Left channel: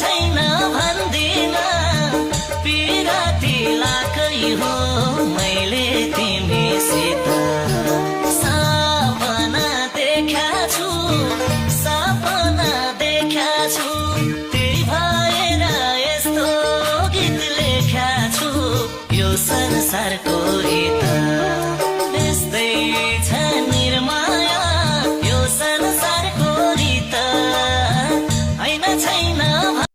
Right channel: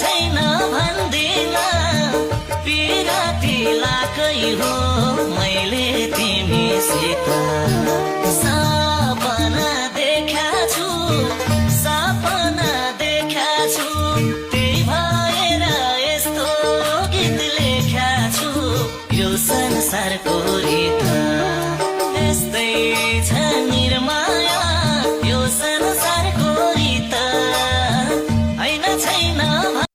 छैन भन्दिन पिराती लाकै हो मैले तिमीसित सपना देखा छु त्यही भएर यस्तो गीत लेखा छु यो संसारको रीत